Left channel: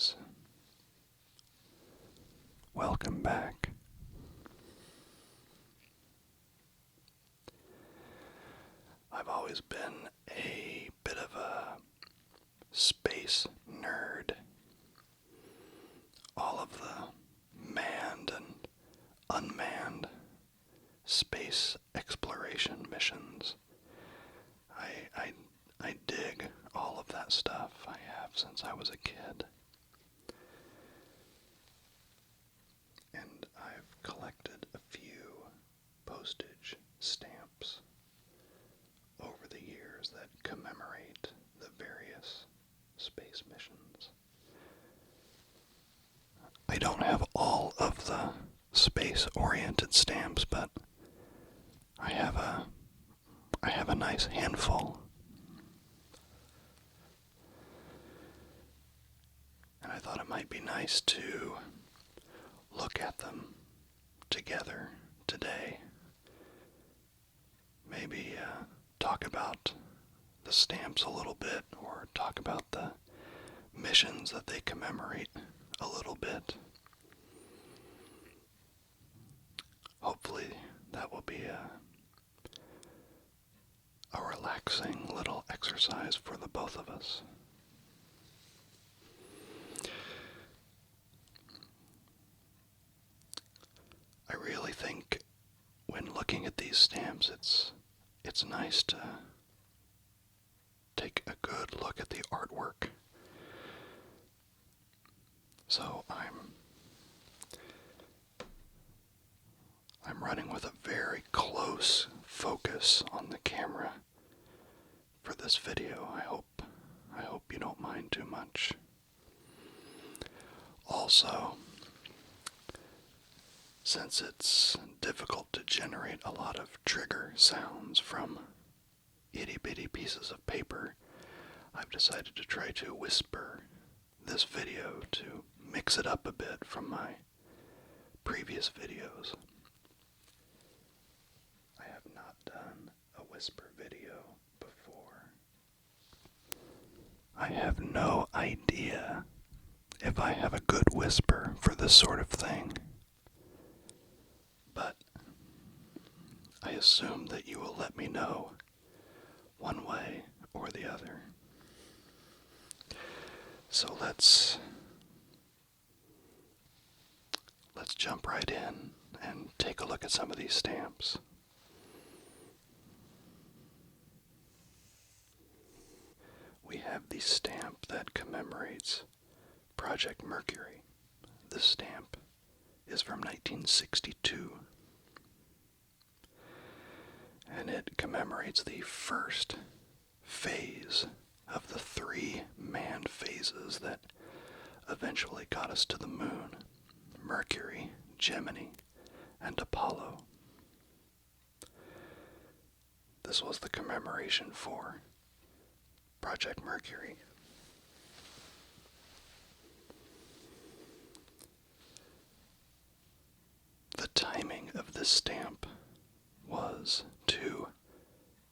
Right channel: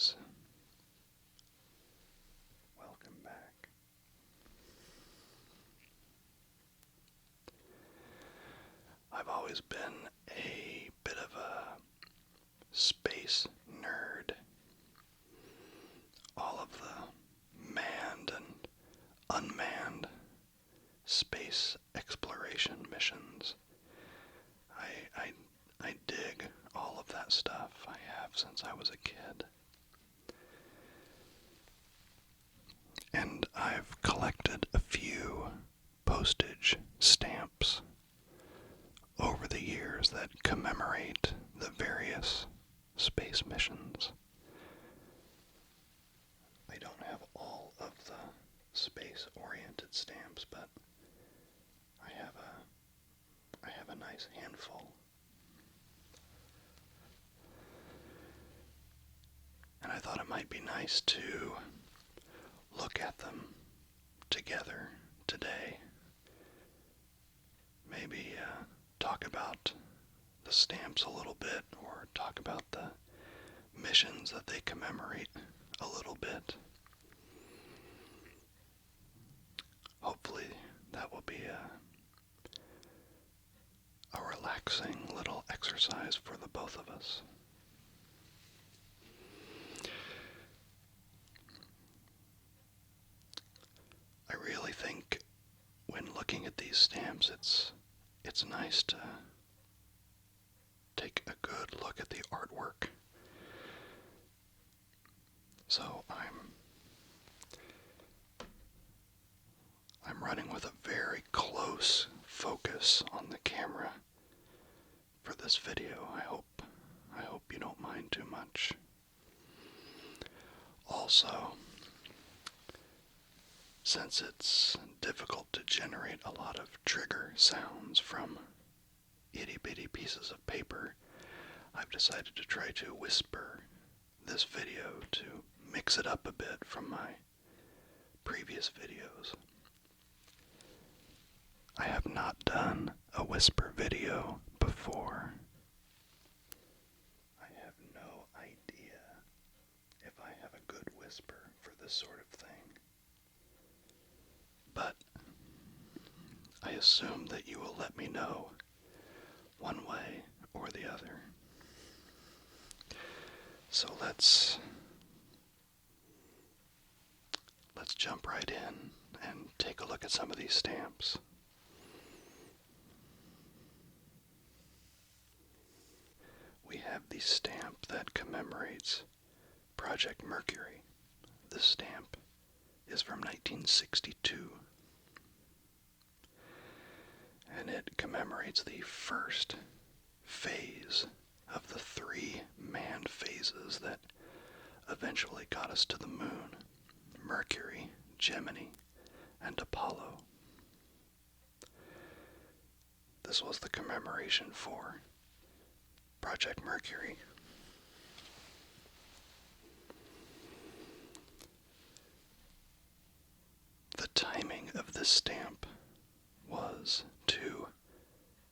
guys. Welcome back. I've always been a bit of a space nerd. All of the manned and unmanned space exploration missions. I dig all of that stuff. I have since I was a kid. And I've collected a few postage stamps over the years that commemorate the various space missions. I don't have all of the space-oriented stamps, but I have a nice handful. And I thought it might be nice to look at them together today. Maybe talk about the stamps a little bit, or talk about the missions that they commemorate a little bit. Hopefully that will be a relaxing little exercise for the both of us. I really think when looking at these stamps, it's nice to take a good look at the artwork. So I'm running with a very close focus on the camera for this video. I hope you don't mind too much. Also, since it's difficult to generate a lot of trigger sounds from itty-bitty pieces of paper, I've decided to try to whisper this video to mix it up a bit from my previous videos. I have not done a whisper video before. I have no idea if I have a good whisper for this sort of thing. But I assume that you will let me know one way or the other. So let's jump right in and take a look at some of these stamps. We have the stamp that commemorates Project Mercury. This stamp is from 1962, and it commemorates the first phase of the 3 manned phases that eventually got us to the moon: Mercury, Gemini, and Apollo. This was the commemoration for Project Mercury. The timing of this stamp was to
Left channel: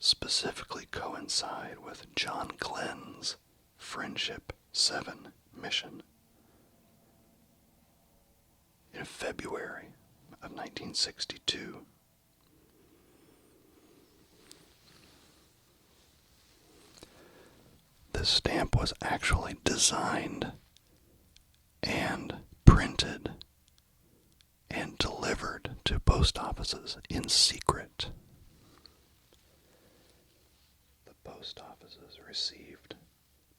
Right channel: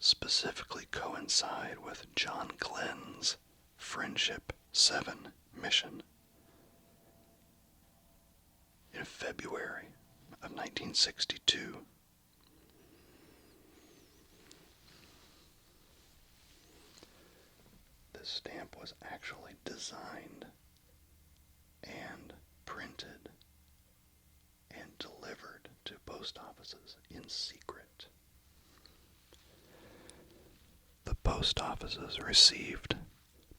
specifically coincide with John Glenn's Friendship 7 mission in February of 1962. This stamp was actually designed and printed and delivered to post offices in secret. The post offices received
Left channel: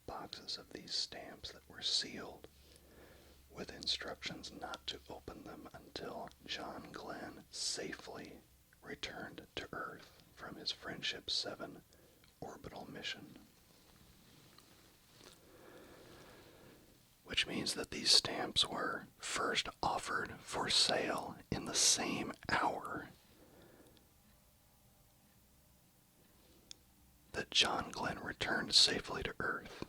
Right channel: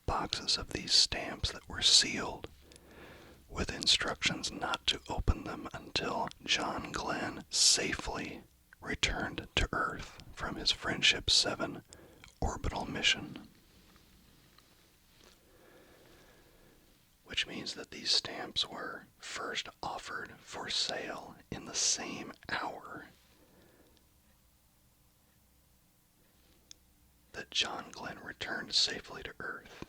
boxes of these stamps that were sealed with instructions not to open them until John Glenn safely returned to Earth from his Friendship 7 orbital mission. Which means that these stamps were first offered for sale in the same hour that John Glenn returned safely to Earth.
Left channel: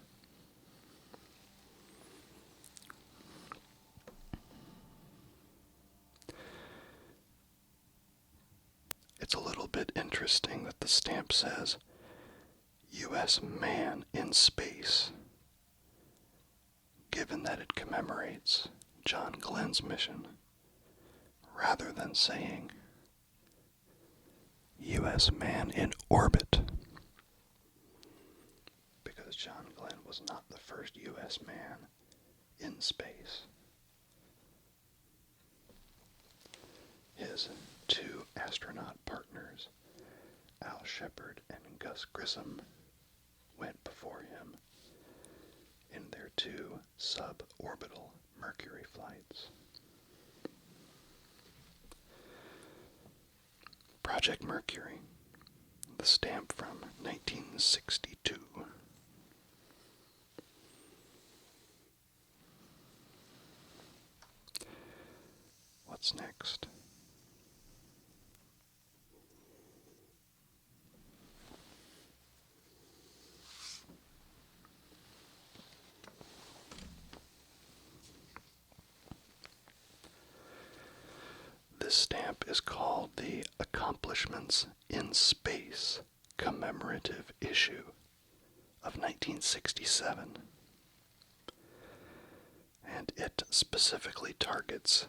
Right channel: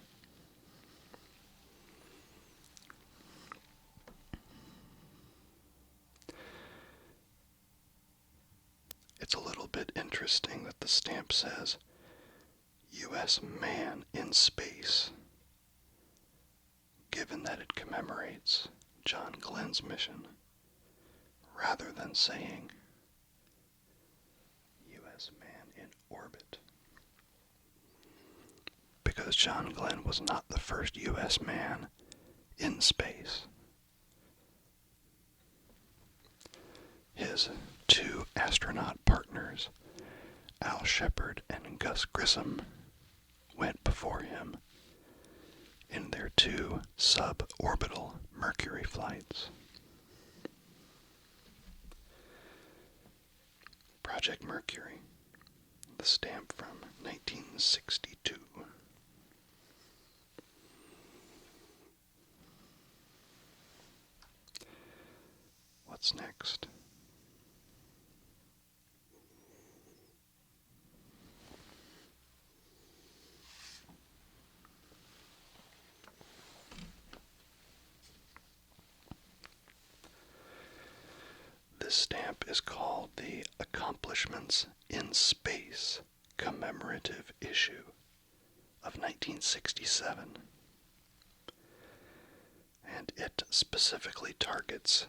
It's a little bit interesting that the stamp says, U.S. man in space given that it commemorates John Glenn's mission, rather than saying U.S. man in orbit, because John Glenn was not the first U.S. man in space. His two astronaut partners, Al Shepard and Gus Grissom, went before him in their two suborbital Mercury flights. Project Mercury, the stamp from 1962. What's next? This stamp is called the Accomplishments in Space Commemorative Issue of 1967, and it specifically targets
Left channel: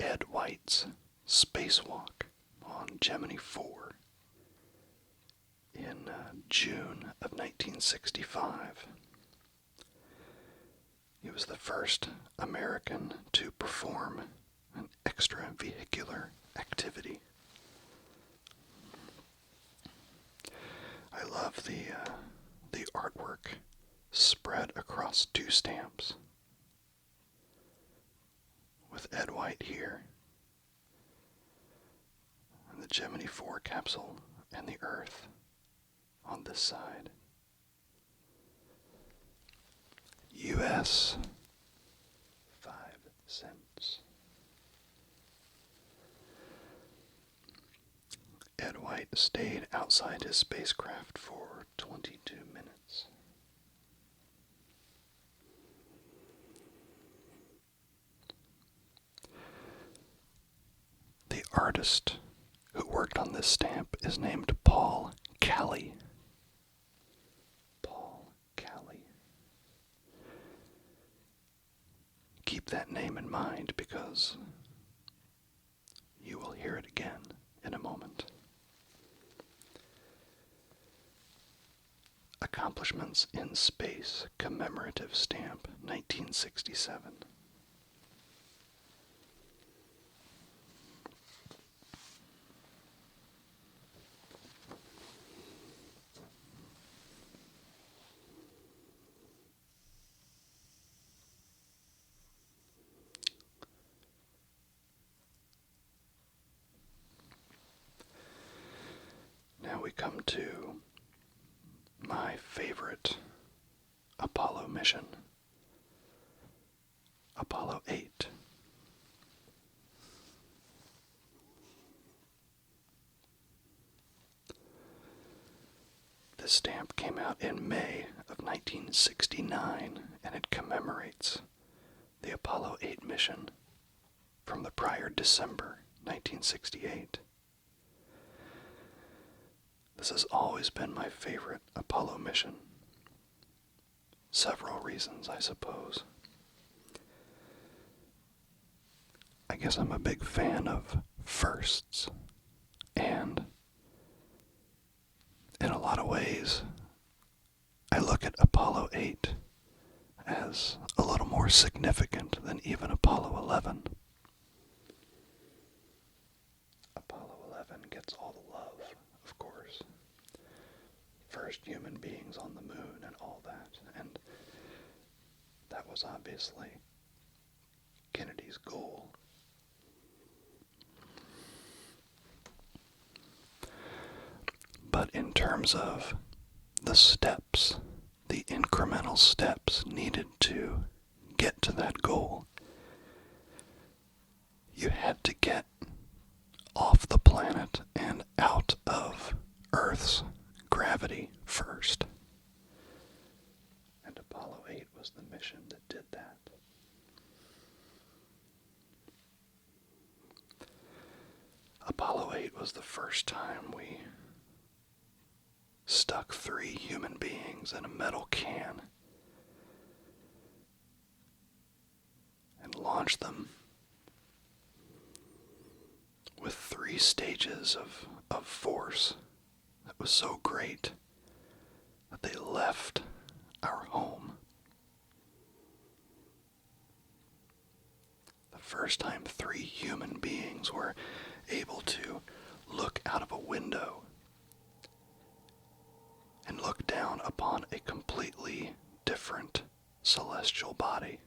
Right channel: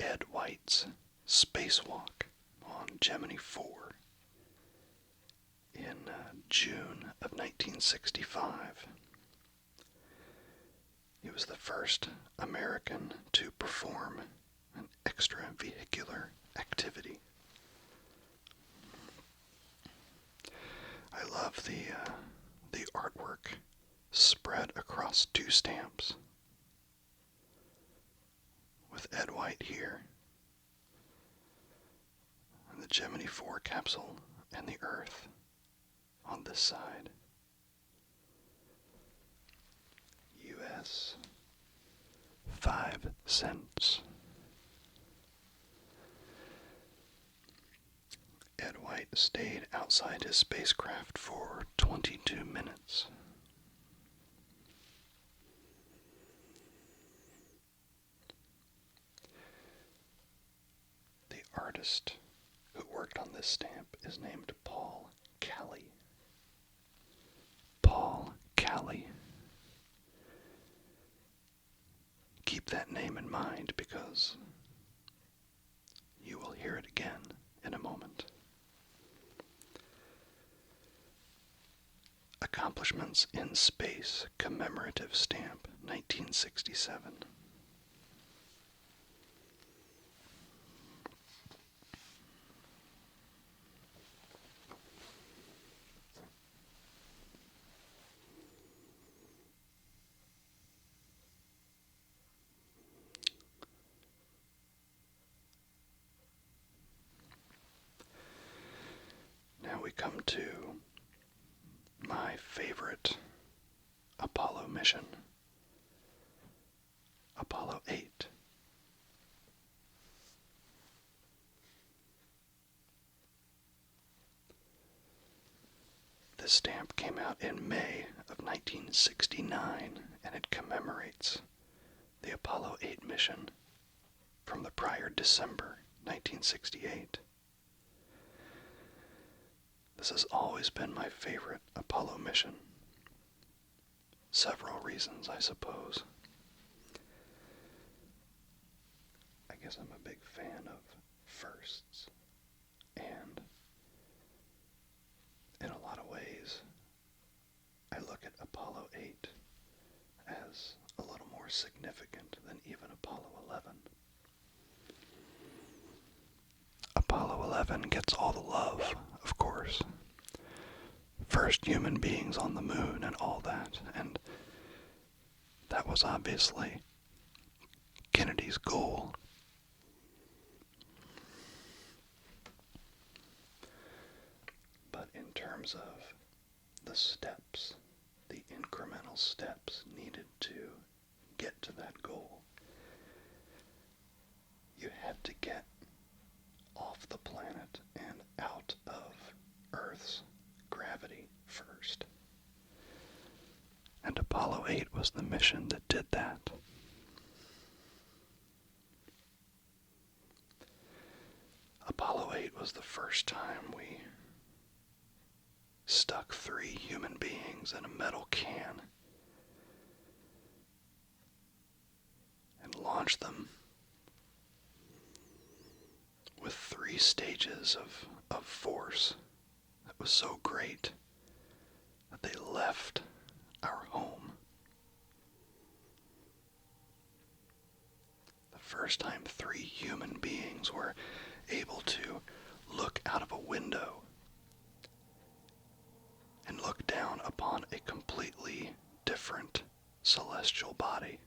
Ed White's spacewalk on Gemini 4 in June of 1965. He was the first American to perform an extravehicular activity. I love the artwork spread across two stamps, with Ed White here, and the Gemini 4 capsule and the Earth on this side. U.S. 5 cents. Ed White stayed outside his spacecraft for 22 minutes. The artist who worked on this stamp is named Paul Calley. Paul Calley. Keep that name in mind because you will hear it again in a moment. Accomplishments in Space Commemorative Stamp, 1967. Now we come to my favorite Apollo mission, Apollo 8. This stamp came out in May of 1969, and it commemorates the Apollo 8 mission from the prior December 1968. This has always been my favorite Apollo mission. Several reasons, I suppose. I guess I'm a big fan of firsts, and in a lot of ways, I look at Apollo 8 as a little more significant than even Apollo 11. Apollo 11 gets all the love, of course. First human beings on the moon and all that, and that was obviously Kennedy's goal. But in terms of the steps, the incremental steps needed to get to that goal, you had to get off the planet and out of Earth's gravity first. And Apollo 8 was the mission that did that. Apollo 8 was the first time we stuck 3 human beings in a metal can and launched them with 3 stages of force that was so great that they left our home. The first time 3 human beings were able to look out of a window and look down upon a completely different celestial body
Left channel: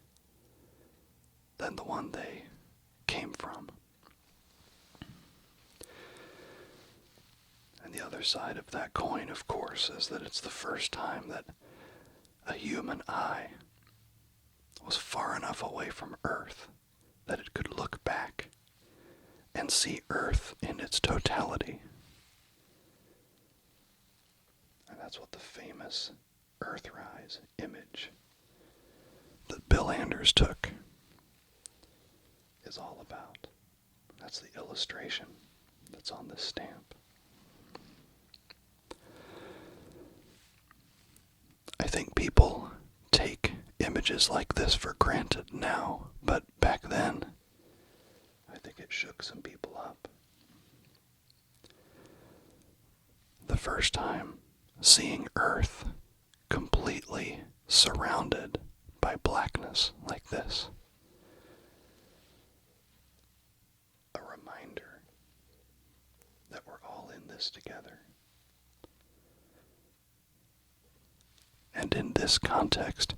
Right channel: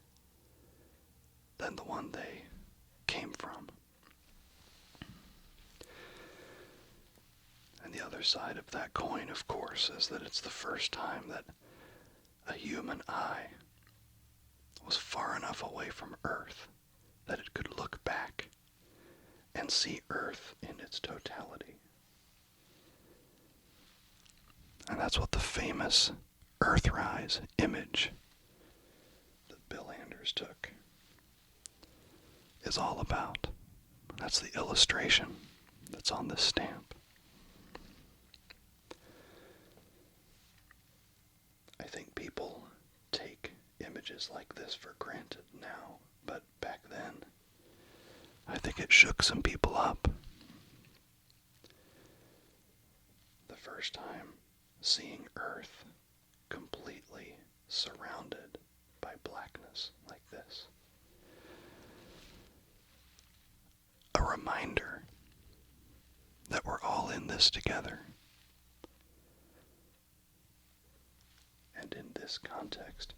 than the one they came from. And the other side of that coin, of course, is that it's the first time that a human eye was far enough away from Earth that it could look back and see Earth in its totality. And that's what the famous Earthrise image that Bill Anders took is all about. That's the illustration that's on this stamp. I think people take images like this for granted now, but back then, I think it shook some people up. The first time seeing Earth completely surrounded by blackness like this. A reminder that we're all in this together. And in this context,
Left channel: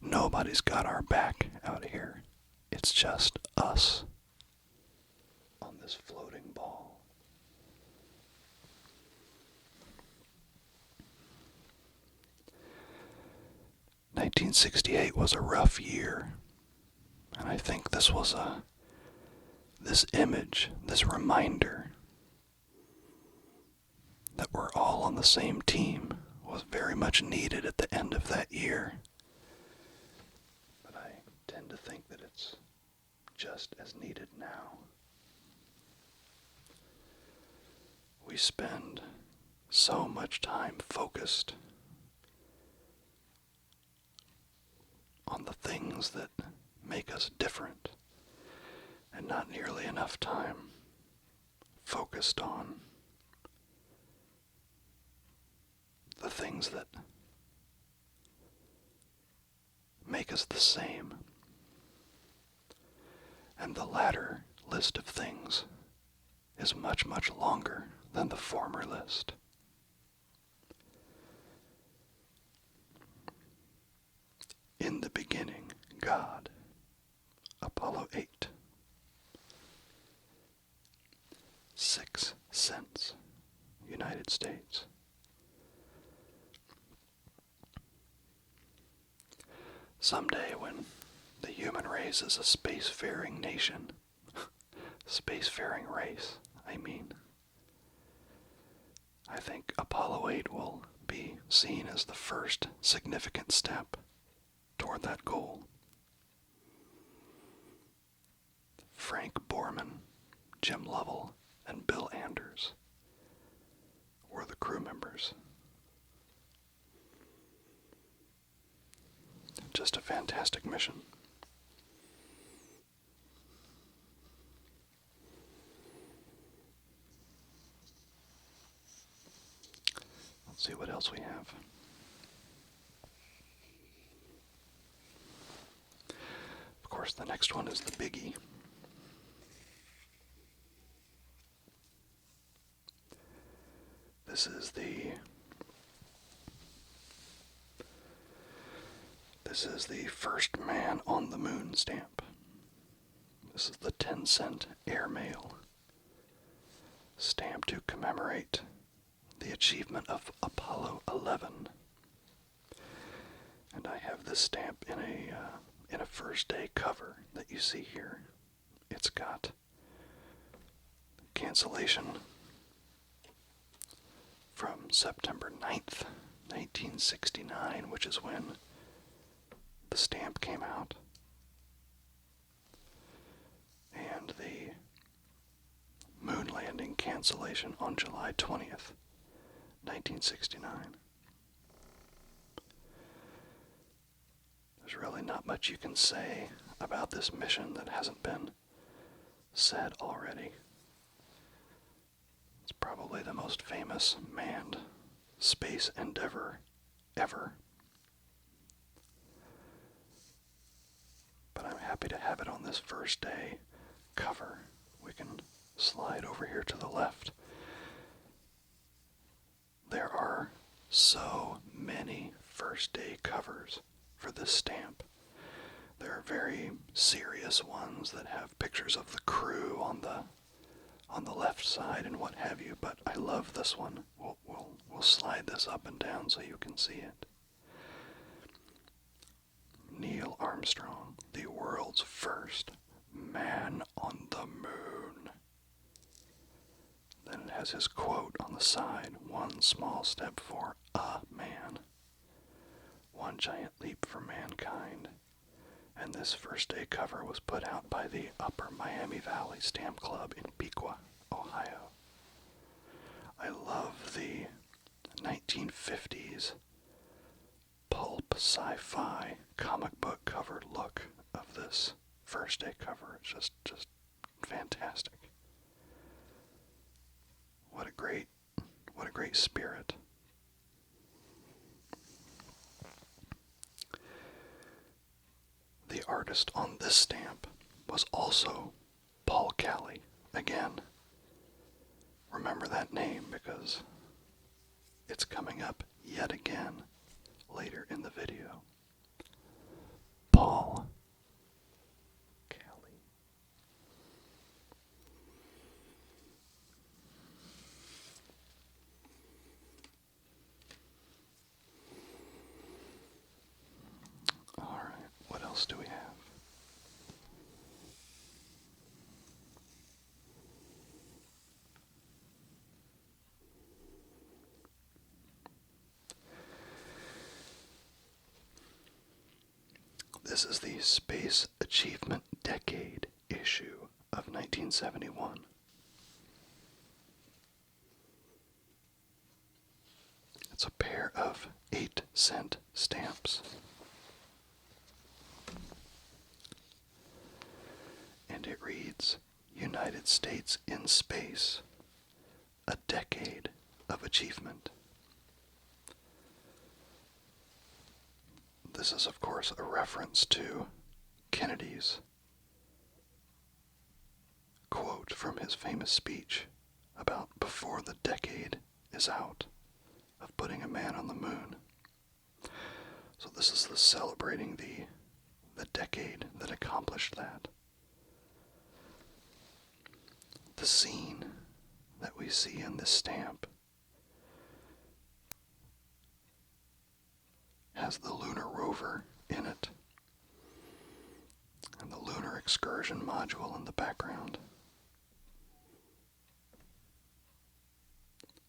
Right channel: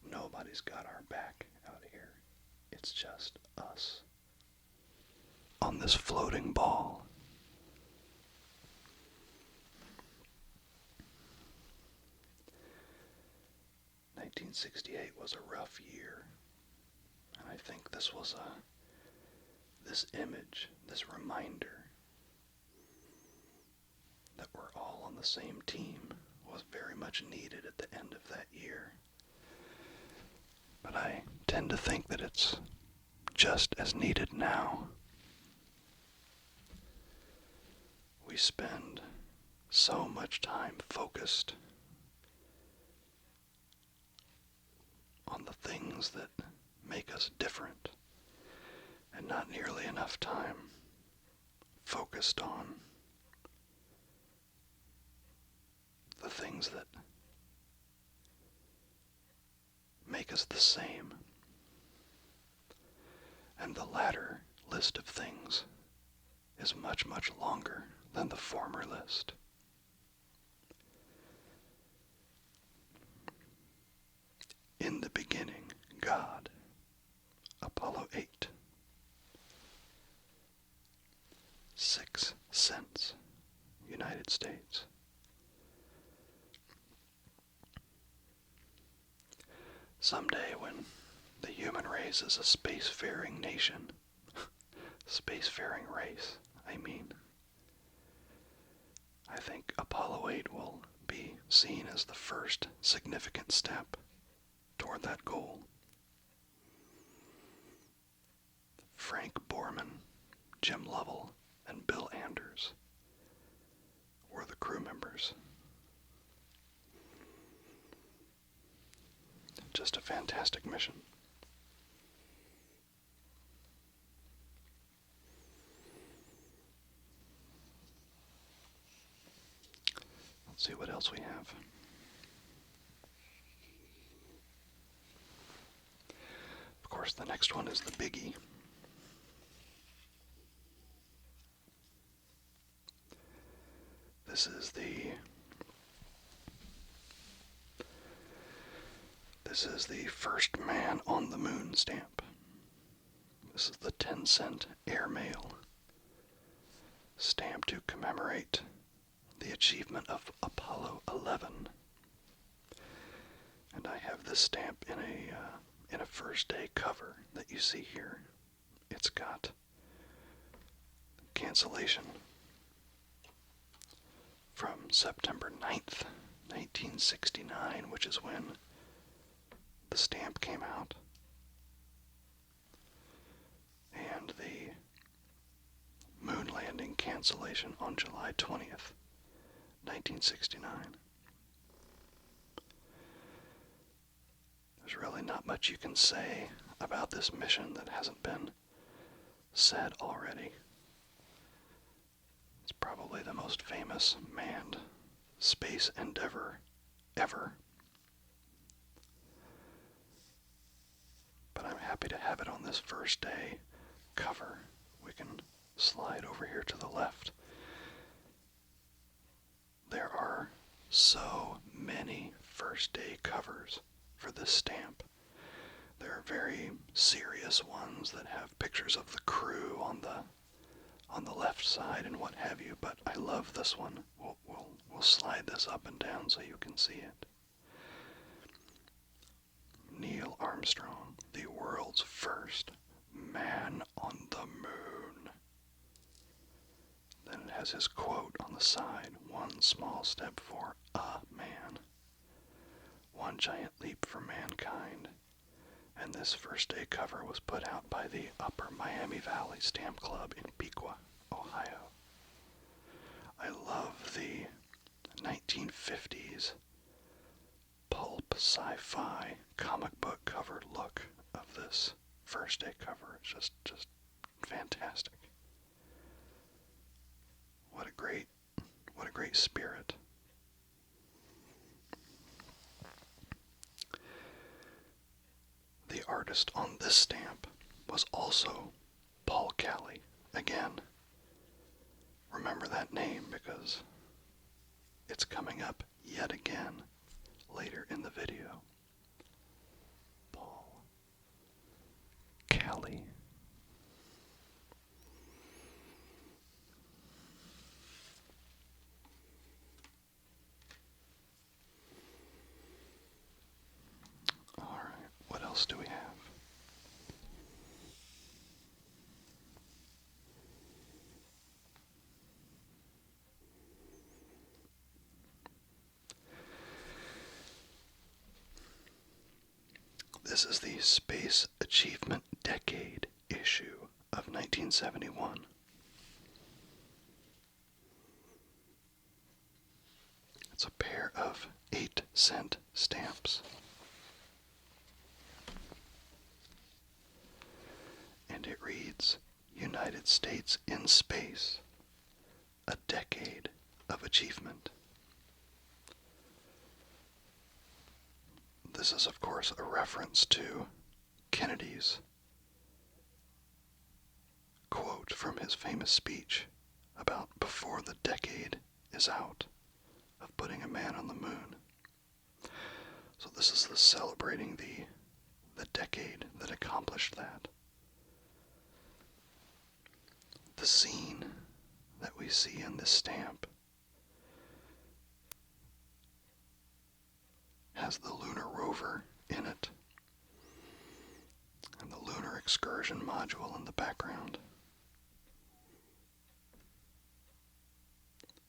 nobody's got our back out here. It's just us on this floating ball. "1968 was a rough year, and I think this image, this reminder that we're all on the same team was very much needed at the end of that year. But I tend to think that it's just as needed now. We spend so much time focused on the things that make us different, and not nearly enough time focused on the things that make us the same. And the latter list of things is much, much longer than the former list. In the beginning, God. Apollo 8. 6 cents. United States. Someday when the human race is a spacefaring nation, spacefaring race, I mean, I think Apollo 8 will be seen as the first significant step toward that goal. Frank Borman, Jim Lovell, and Bill Anders were the crew members. Just a fantastic mission. Let's see what else we have. Of course, the next one is the biggie. This is the first man on the moon stamp. This is the 10-cent airmail stamp to commemorate the achievement of Apollo 11. And I have this stamp in a first day cover that you see here. It's got cancellation from September 9th, 1969, which is when the stamp came out, and the moon landing cancellation on July 20th, 1969. There's really not much you can say about this mission that hasn't been said already. It's probably the most famous manned space endeavor ever. But I'm happy to have it on this first day cover. We can slide over here to the left. There are so many first day covers for this stamp. There are very serious ones that have pictures of the crew on the left side and what have you, but I love this one. We'll slide this up and down so you can see it. Neil Armstrong, the world's first man on the moon. Then it has his quote on the side, "One small step for a man, one giant leap for mankind." And this first day cover was put out by the Upper Miami Valley Stamp Club in Piqua, Ohio. I love the 1950s pulp sci-fi comic book cover look of this first day cover. It's just fantastic. What a great spirit. The artist on this stamp was also Paul Kelly. Again, remember that name because it's coming up yet again later in the video. Paul Kelly. Alright, what else do we have? This is the Space Achievement Decade issue of 1971. It's a pair of 8-cent stamps. And it reads, "United States in Space, a Decade of Achievement." This is, of course, a reference to Kennedy's quote from his famous speech about before the decade is out of putting a man on the moon. So this is celebrating the decade that accomplished that. The scene that we see in this stamp has the lunar rover in it and the lunar excursion module in the background.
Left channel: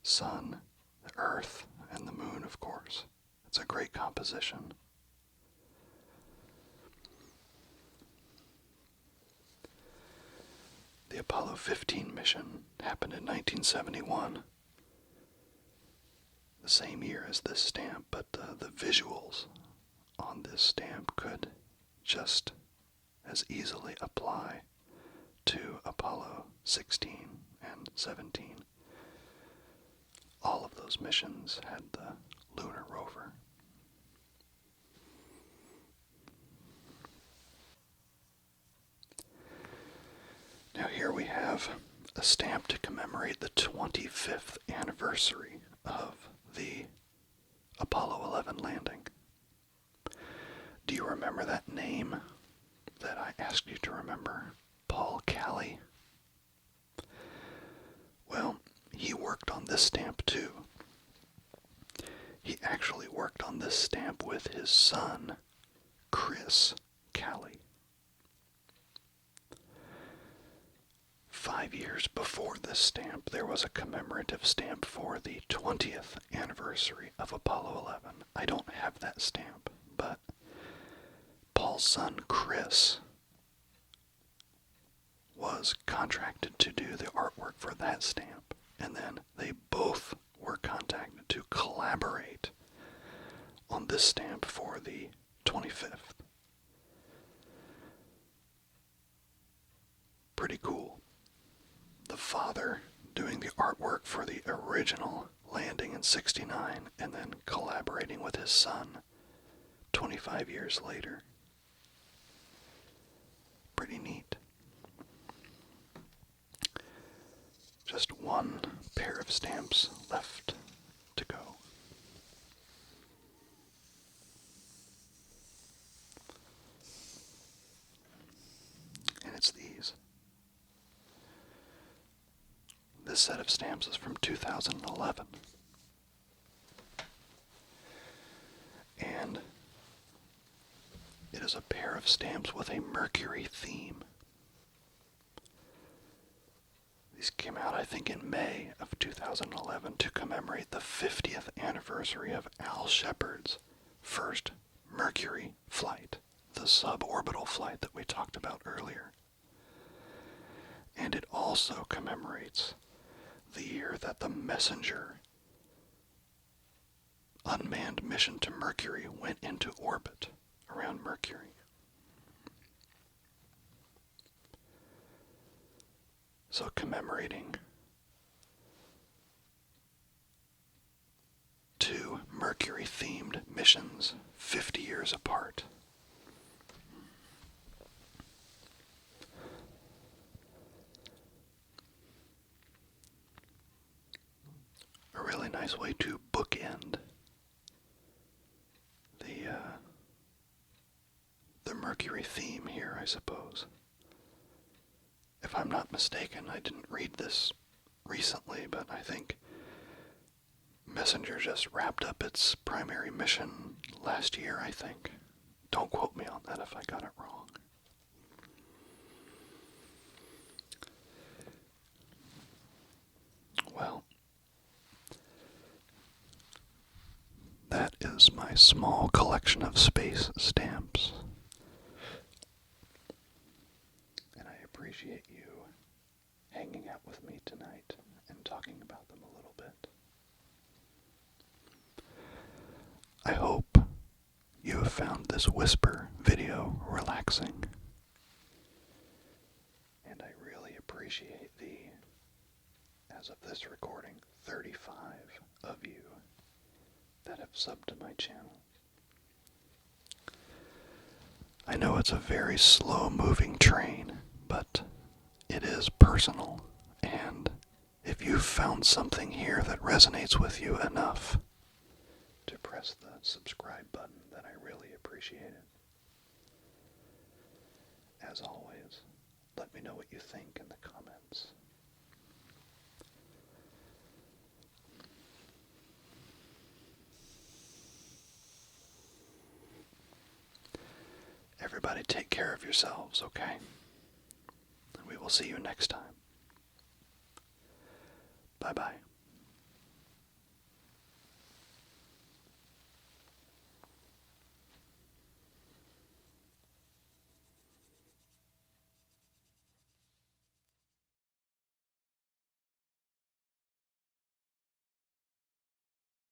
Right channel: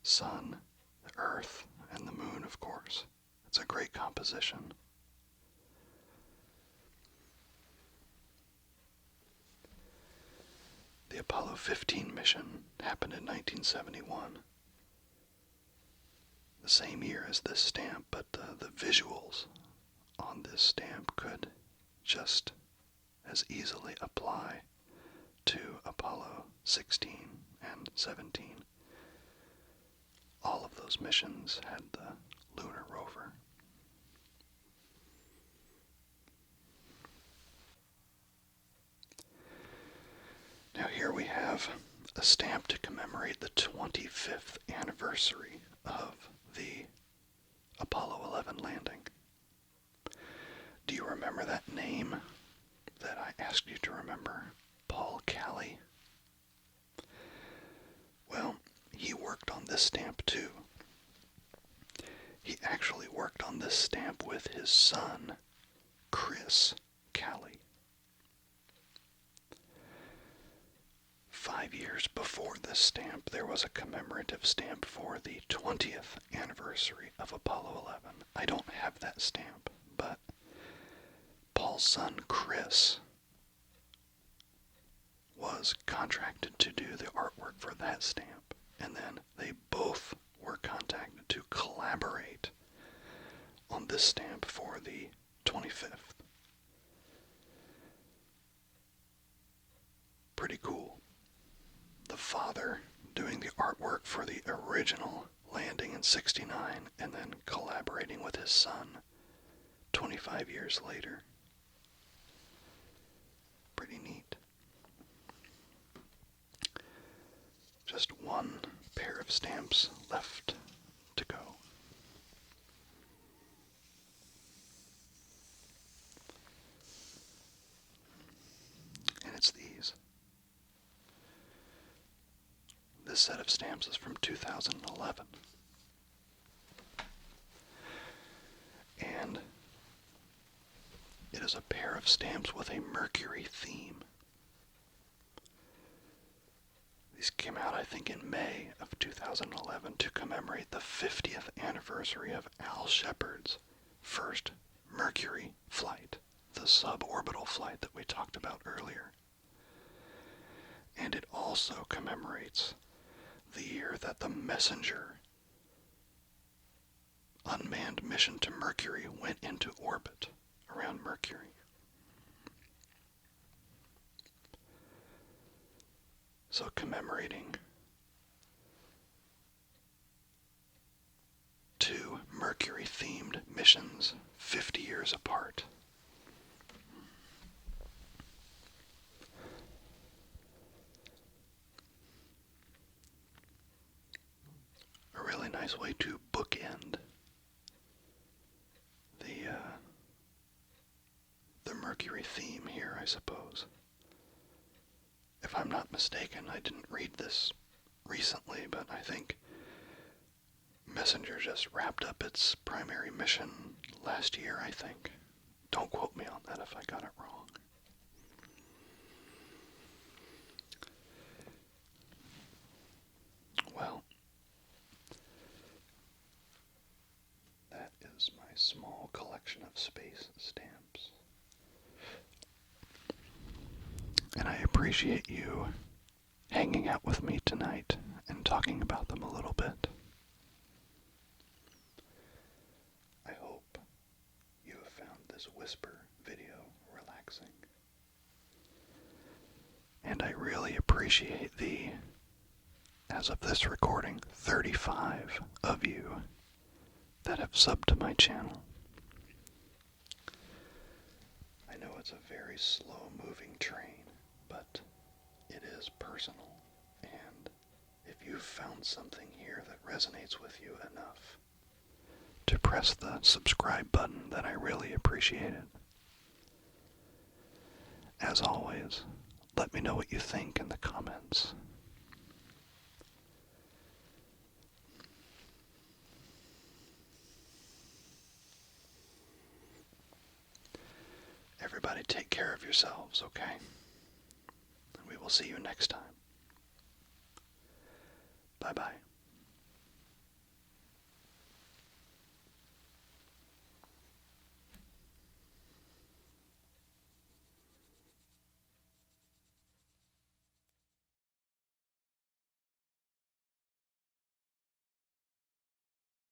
Sun, the Earth, and the moon, of course. It's a great composition. The Apollo 15 mission happened in 1971. The same year as this stamp, but the visuals on this stamp could just as easily apply to Apollo 16 and 17. All of those missions had the lunar rover. Now here we have a stamp to commemorate the 25th anniversary of the Apollo 11 landing. Do you remember that name that I asked you to remember? Paul Kelly. Well, he worked on this stamp too. He actually worked on this stamp with his son, Chris Kelly. 5 years before this stamp, there was a commemorative stamp for the 20th anniversary of Apollo 11. I don't have that stamp, but Paul's son, Chris, was contracted to do the artwork for that stamp, and then they both worked were contacted to collaborate on this stamp for the 25th. Pretty cool. The father doing the artwork for the original landing in '69 and then collaborating with his son 25 years later. Pretty neat. Just one pair of stamps left to go. And it's these. This set of stamps is from 2011. And it is a pair of stamps with a Mercury theme. These came out, I think, in May of 2011 to commemorate the 50th anniversary of Al Shepard's first Mercury flight, the suborbital flight that we talked about earlier. And it also commemorates the year that the Messenger unmanned mission to Mercury went into orbit around Mercury. So commemorating two Mercury-themed missions 50 years apart. A really nice way to bookend the Mercury theme here, I suppose. If I'm not mistaken, I didn't read this recently, but I think Messenger just wrapped up its primary mission last year, I think. Don't quote me on that if I got it wrong. Well, that is my small collection of space stamps. And I appreciate you hanging out with me tonight and talking about them a little bit. I hope you have found this whisper video relaxing. And I really appreciate the, as of this recording, 35 of you that have subbed to my channel. I know it's a very slow-moving train, but it is personal, and if you've found something here that resonates with you enough to press the subscribe button, then I really appreciate it. As always, let me know what you think in the comments. Everybody take care of yourselves, okay? And we will see you next time. Bye-bye.